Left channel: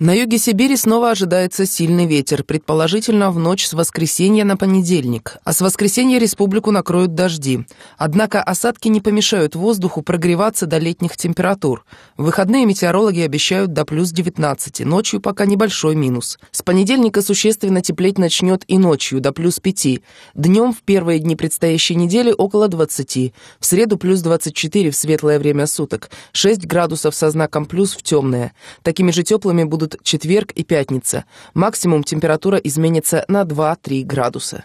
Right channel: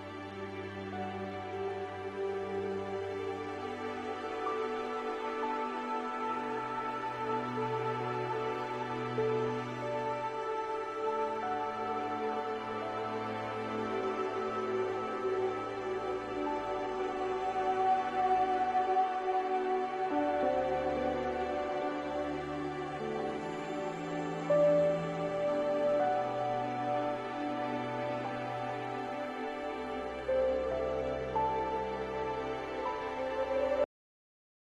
На юге Сибири снова ожидается сильный ветер, предположительно в ночь с воскресенья на понедельник. А с воскресенья республику накроют дожди. Однако осадки не помешают воздуху прогреваться до летних температур. В выходные метеорологи обещают до плюс 19, ночью пока небольшой минус. С понедельника существенно теплеть начнет и ночью до плюс 5. Днем в первые дни предстоящей недели около 20. В среду плюс 24 в светлое время суток, 6 градусов со знаком плюс в темное. Такими же теплыми будут четверг и пятница. Максимум температура изменится на 2-3 градуса.